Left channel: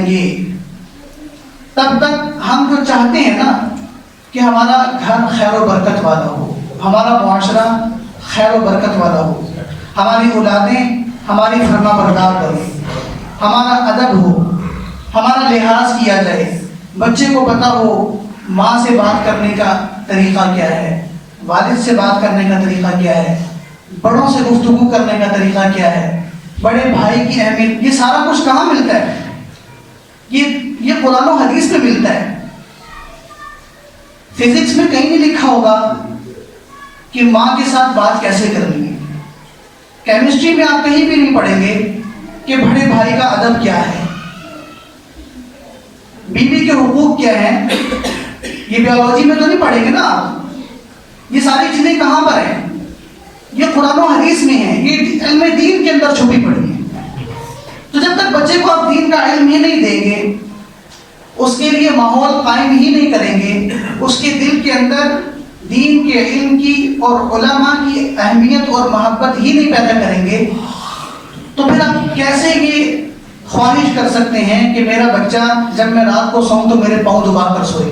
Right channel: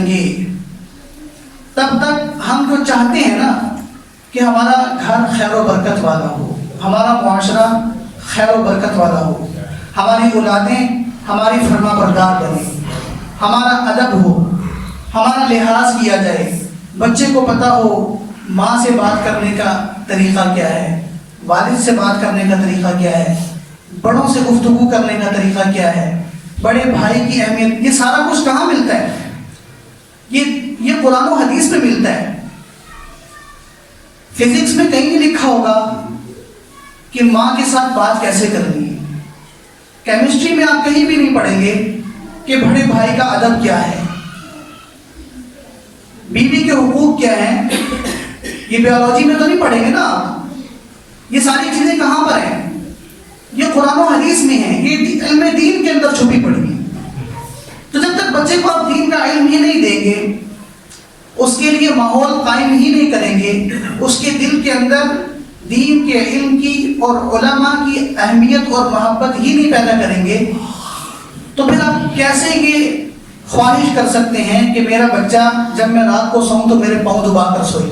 جائیں گے تب تک ہم جو چاہتے ہیں نا کہ ہمارا گھر خیر و برکت والا ہو، ہمارا معاشرہ خیر و برکت والا ہو، ہماری اولادیں ہماری فرما بردار بنیں، ہمارا ادب ہو، ہمارا لحاظ کیا جائے، بچے کو پتہ ہو ماں سے بات کرنے کا طریقہ کیا ہے، والد سے بات کرنے کا طریقہ کیا ہے، بڑوں سے گفتگو کرنے کا طریقہ کیا ہے، بڑے بھائی کی اہمیت، یہ سارا کچھ کہاں ملتا ہے؟ یہ قرآن و حدیث میں ملتا ہے۔ فزکس میں کہیں نہیں لکھا ہوگا کہ ماں کے ساتھ بات کیسے کرنی ہے، کیمسٹری میں آپ کہیں بھی نہیں پڑھیں گے کہ بڑے بھائی کا ادب کیا ہے، بیوی کے حقوق کیا ہیں، یہ بیولوجی میں تو نہیں پڑھیں گے نا آپ۔ یہ ساری چیزیں کہاں پر ہیں؟ یہ قرآن و حدیث میں ہیں، یہ علم دین کے اندر چھپی پڑی ہیں۔ تو جب تک بچے کو آپ دین کا علم ہی نہیں دیں گے، اس کے لیے ماحول قائم ہی نہیں کریں گے، اس کے دل کے اندر دین کے علم کی اور علماء کی اہمیت اور محبت ہی نہیں پیدا کریں گے، تو پھر آپ کیسے یہ خواہش کر سکتے ہیں کہ میرا بچہ جب میں رات کو سوؤں تو میرے پاؤں دبا کر سوئے؟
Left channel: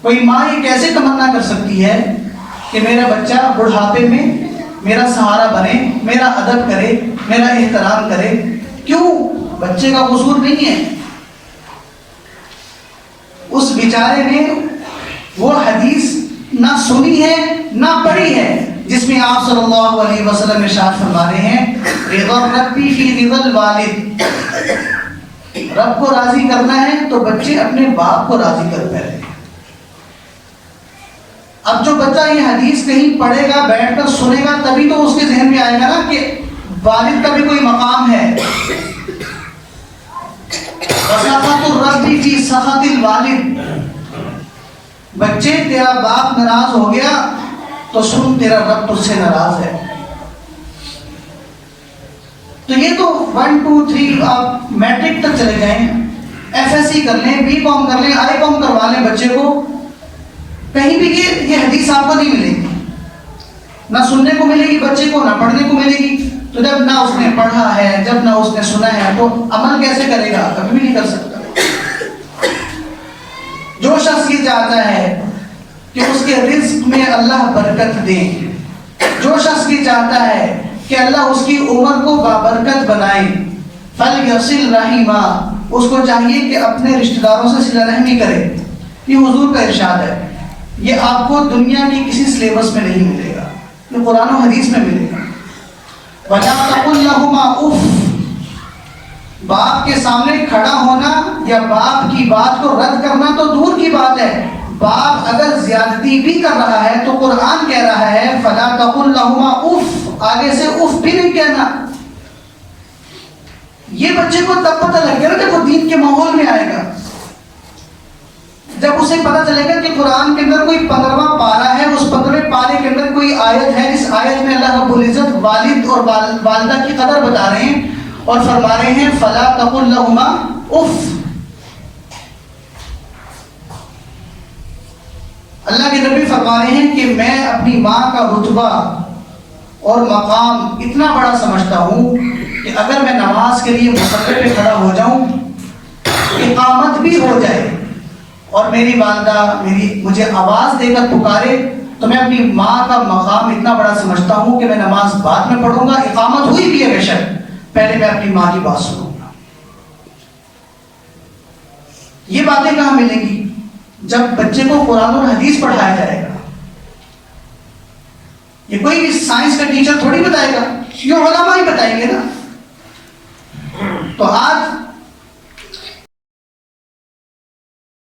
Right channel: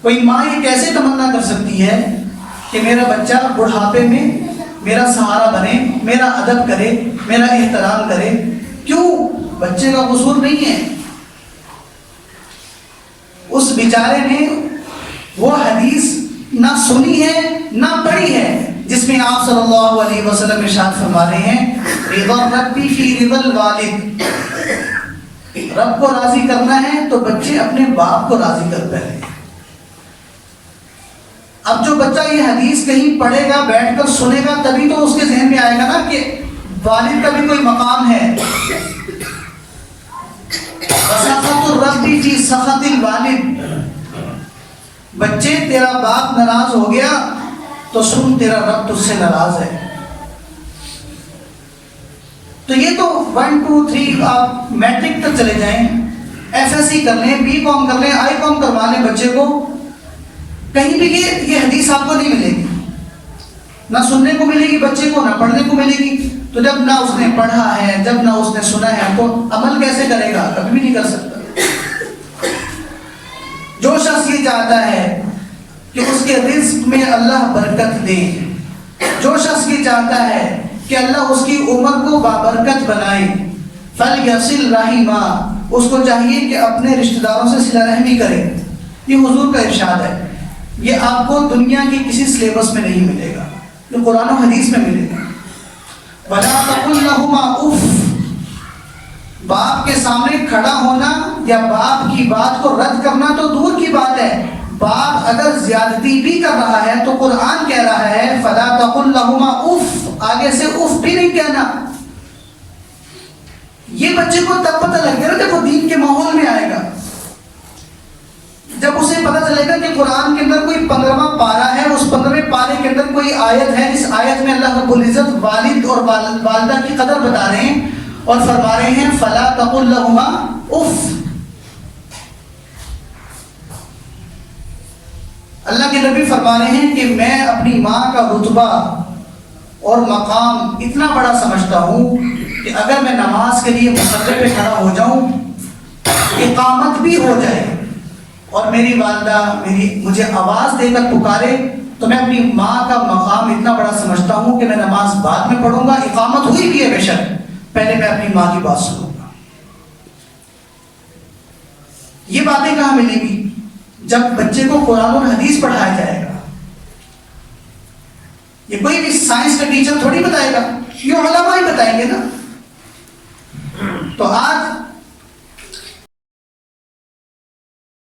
کوئی ماں یہ کیسے تمنا کر سکتی ہے کہ میرا بچہ بڑھاپے میں میرا سہارا بنے، میرا ادب کرے، میرا احترام کرے؟ کیوں؟ بچے کا قصور نہیں ہے، اس بیچارے نے وہ حدیث نہ سنی ہے نہ پڑھی ہے جس میں آپ صلی اللہ علیہ وسلم ارشاد فرما رہے ہیں رضا ربی فی رضا الوالد، رب کو راضی کرنا ہے تو بچے اپنے باپ کو راضی کر پائیں۔ اب جو بچہ یہ حدیث کہیں پڑھے گا، بیٹھ کر سنے گا، تبھی تو اس کے ذہن میں آئے گا نا کہ والد کا بھی کوئی مقام ہے۔ وسخط الرب فی سخط الوالد، بچے تیرا باپ ناراض ہو گیا تو سن تیرا رب تجھ سے ناراض ہے۔ تو یہ تو 1 2 3 آپ میٹرک تک چلے جائیں، ایف ایس سی کر لیں، بی کام کر لیں، آئی کام کروا لیں بچے کو، کہیں بھی یہ حدیث آپ کو نہیں ملے گی، نہ سننے کو ملے گی بچے کو، نہ پڑھنے کو ملے گی۔ تو جب نہ اس نے پڑھا ہے، جب نہ اس نے سنا ہے، تو عمل کیسے کرے گا؟ کبھی بھی نہیں کر سکتا۔ جو شخص یہ چاہتا ہے کہ اس کے رزق میں اللہ برکت دے، جو شخص یہ چاہتا ہے کہ اللہ اس کی عمر کو بابرکت بنائے، فَلْيَصِلْ رَحِمًا، اس کو چاہیے کہ اپنے رشتہ داروں سے صلہ رحمی کرے۔ یہ حضور کا ارشاد ہے، یہ آپ کو دنیا کی کسی سلیبس میں نہیں ملے گا، یہ قرآن و حدیث میں ملے گا۔ وَلَا تَقُلْ لَهُمَا اُفٍّ، باپ کے سامنے کھڑا ہونا یا باپ کی بات کو رد کرنا تو دور کی بات ہے، باپ اگر زیادتی بھی کر رہا ہے تو قرآن کہہ رہا ہے فَلَا تَقُلْ لَهُمَا اُفٍّ، آگے سے اف بھی نہیں کہنا۔ یہ بچے کو تب پتہ لگ گیا نا جب وہ دین کے ماحول میں آئے گا، جب اسے پتہ چلے گا کہ قرآن کے اندر کوئی 15واں پارہ ہے، اس 15ویں پارے کے اندر کوئی آیت ہے، اس آیت میں اللہ رب العزت والد اور والدہ کی قدر بتا رہے ہیں اور فرما رہے ہیں فَلَا تَقُلْ لَهُمَا اُفٍّ۔ اللہ کے نبی فرما رہے ہیں کہ میں اپنی ماں کا رتبہ اور مقام اتنا بڑا سمجھتا ہوں کہ اگر میں نماز کے لیے مصلی پہ کھڑا ہو جاؤں، اقامت بھی ہو جائے اور میری والدہ مجھے آواز دے کر پکارے، تو میں اپنی ماں کا مقام اتنا بڑا سمجھتا ہوں کہ میں نماز بعد میں پڑھوں گا، اقامت ہوئی بھی ہے بے شک، پہلے میں اپنی ماں کی بات سنوں گا۔ یہ باتیں کہاں ملیں گی؟ جب بچے کو قرآن اور حدیث پڑھایا جائے گا۔ یہ کوئی بھی سائنس کا ٹیچر تھوڑی بتائے گا، یہ علماء ہی بتائیں گے نا۔